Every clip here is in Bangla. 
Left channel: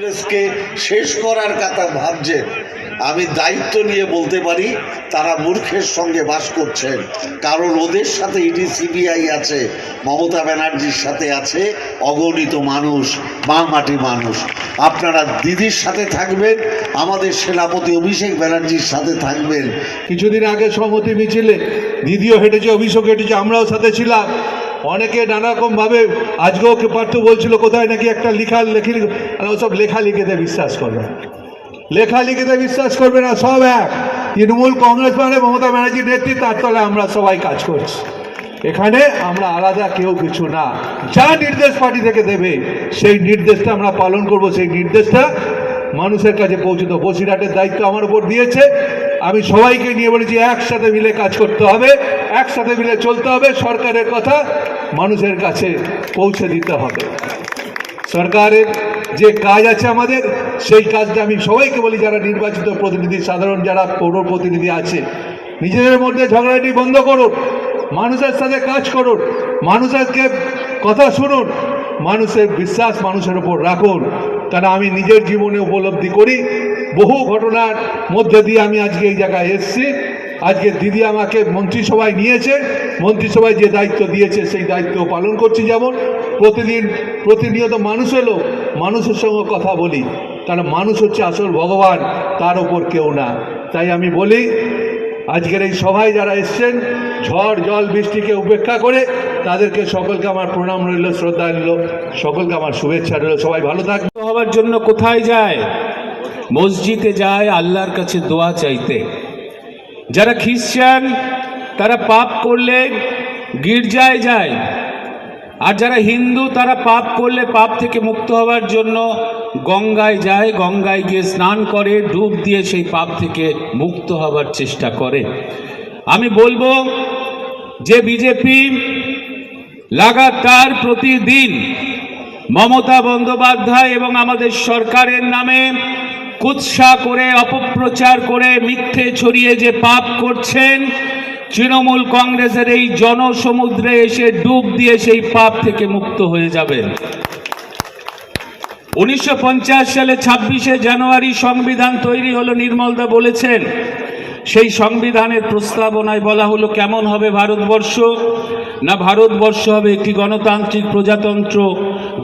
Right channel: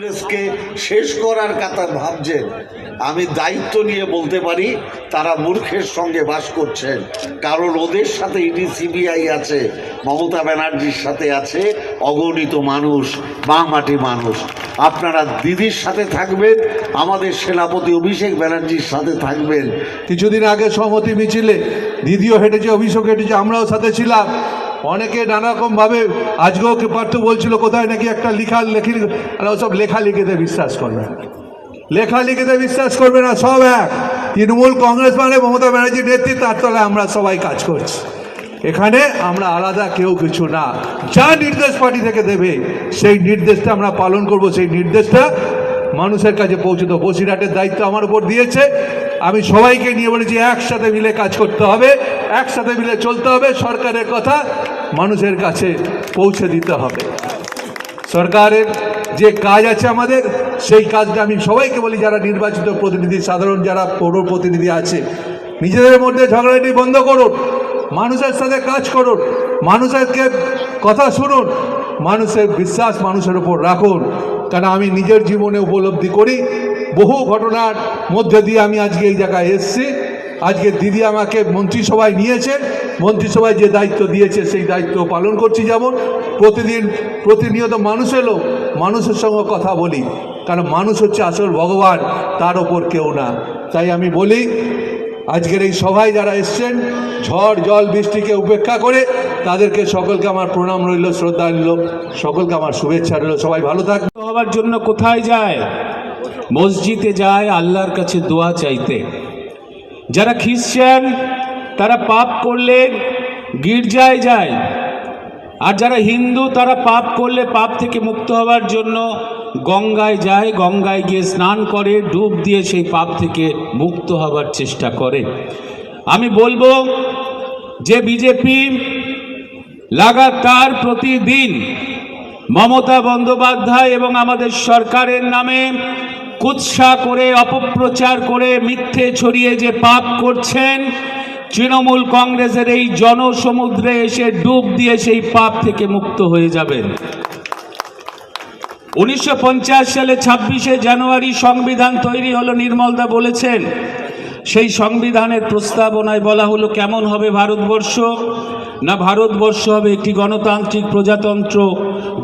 কংগ্রেসকে শেষ করার কথা ভাবছেন, আমি দায়িত্ব নিয়ে বলতে পারি তারা মূর্খের সঙ্গে বাস করছেন। কারণ ওদের সাথে ইডি সিবিআই আছে, মমতা ব্যানার্জির সাথে আছে অগণিত মানুষ, বামমাটি মানুষ। আপনারা দিদির সাথে থাকবেন, আমাদের সেনাপতি অভিষেক ব্যানার্জির সাথে থাকবেন। কিছুদিন আগে সংহতি মিছিলে দিদিও হেঁটেছে, অভিষেক হেঁটেছে, আমরাও সাথে ছিলাম। অনেকে নানারকমভাবে আজকেও পার্থ বলছিল কোথায় নাকি একটা লেখি, ওসব লেখালেখিতে বিশ্বাস করবে না, লেখালেখিতে বিশ্বাস করবে না। সব এক, তৃণমূল কংগ্রেস মানে মমতা ব্যানার্জির নেতৃত্ব, তার তলায় আমরা সবাই কাজ করছি। এখানে আমরা আলাদা কেউ কিছু না। যা নির্দেশ পার্টি থেকে দেবে সেই নির্দেশটা আমরা পালন করব, সেই নির্দেশটা মানুষের কাছে পৌঁছে দেবো। বসিরহাটের দায়িত্ব আমার উপর দিয়েছে, আমি সবাইকে নিয়ে বলেছি একসাথে মিলে কাজ করতে হবে, একসাথে মিলে চলতে হবে, সরকারের কথা মানুষের কাছে পৌঁছে দিতে হবে। সরকারের যে কাজ আছে আমাদের, সেই কাজটা আমি সবাইকে বলি, যারা নির্বাচিত প্রতিনিধি, সাধারণ যারা পৌর প্রতিনিধি আছে, নিজেদের মধ্যে ঝগড়াটি বন্ধ করুন, মানুষের সাথে কাজ করুন, মানুষেরকে কথা শুনুন, মানুষের বিশ্বাস মানুষের উপর রাখুন। কারণ আমি নিজের জীবনে উপলব্ধি করি, বহু ঘটনার মধ্যে দিয়ে আমি আজকে এই জায়গায় এসেছি। আজকে দিদি আমাকে মন্ত্রিসভায় নিয়েছে, মন্ত্রিসভায় যে দায়িত্ব দিয়েছে সেই দায়িত্ব পালন করছি। যেমন প্রতিনিয়ত মানুষ এলো, মানুষের সঙ্গে কথা বলি, কারণ মানুষ হচ্ছে আসল ভগবান, তার ওপর কেউ না। তাই আমি বলি, আজকের এই সভায় যারা এসছেন, ঝড় জল বৃষ্টিকে উপেক্ষা করে তাদেরকে সকলকে আমার প্রণাম রইল, শ্রদ্ধা রইল, সকলকে আমার শুভেচ্ছা রইল। সবাই ভালো থাকবে। হওয়ার জন্য কোথায় যায়? মসজিদে যায় আল্লাহর কাছে দোয়া চাইতে। যারা খ্রিস্টান তারা পাপ করলে গির্জায় যায়, আর যারা হিন্দু তারা পাপ করলে পাপ থেকে মুক্ত হওয়ার জন্য গঙ্গায় যায়, গঙ্গায় গিয়ে স্নান করে, ডুব দিয়ে সেই পাপ থেকে মুক্ত হওয়ার চেষ্টা করে। আমি বলবো যে বিজেপি লাগাতার প্রতিদিন মমতা বন্দ্যোপাধ্যায় এবং আমাদের সরকারের নামে কুৎসা করে, অপপ্রচার করে, মিথ্যে ছড়িয়ে যে পাপ করছেন, তৃণমূল কংগ্রেসের এই জনসমুদ্রে এসে ডুব দিয়ে সেই পাপ থেকে মুক্ত হয়ে যাবেন। 1950 সালে 26শে জানুয়ারি সংবিধান তৈরি হলো, নির্মলদা বলেছেন। সেই সংবিধানের প্রস্তাবনায় বলা হলো কেমন হবে ভারতবর্ষ, না ভারতবর্ষ হবে একটি গণতান্ত্রিক প্রজাতন্ত্র,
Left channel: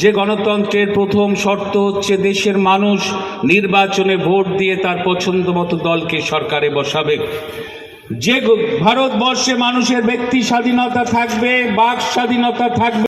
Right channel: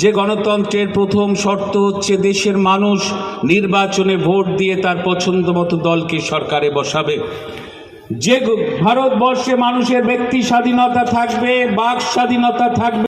যে গণতন্ত্রের প্রথম শর্ত হচ্ছে দেশের মানুষ নির্বাচনে ভোট দিয়ে তার পছন্দ মতো দলকে সরকারে বসাবে। যে ভারতবর্ষে মানুষের ব্যক্তি স্বাধীনতা থাকবে, বাক স্বাধীনতা থাকবে।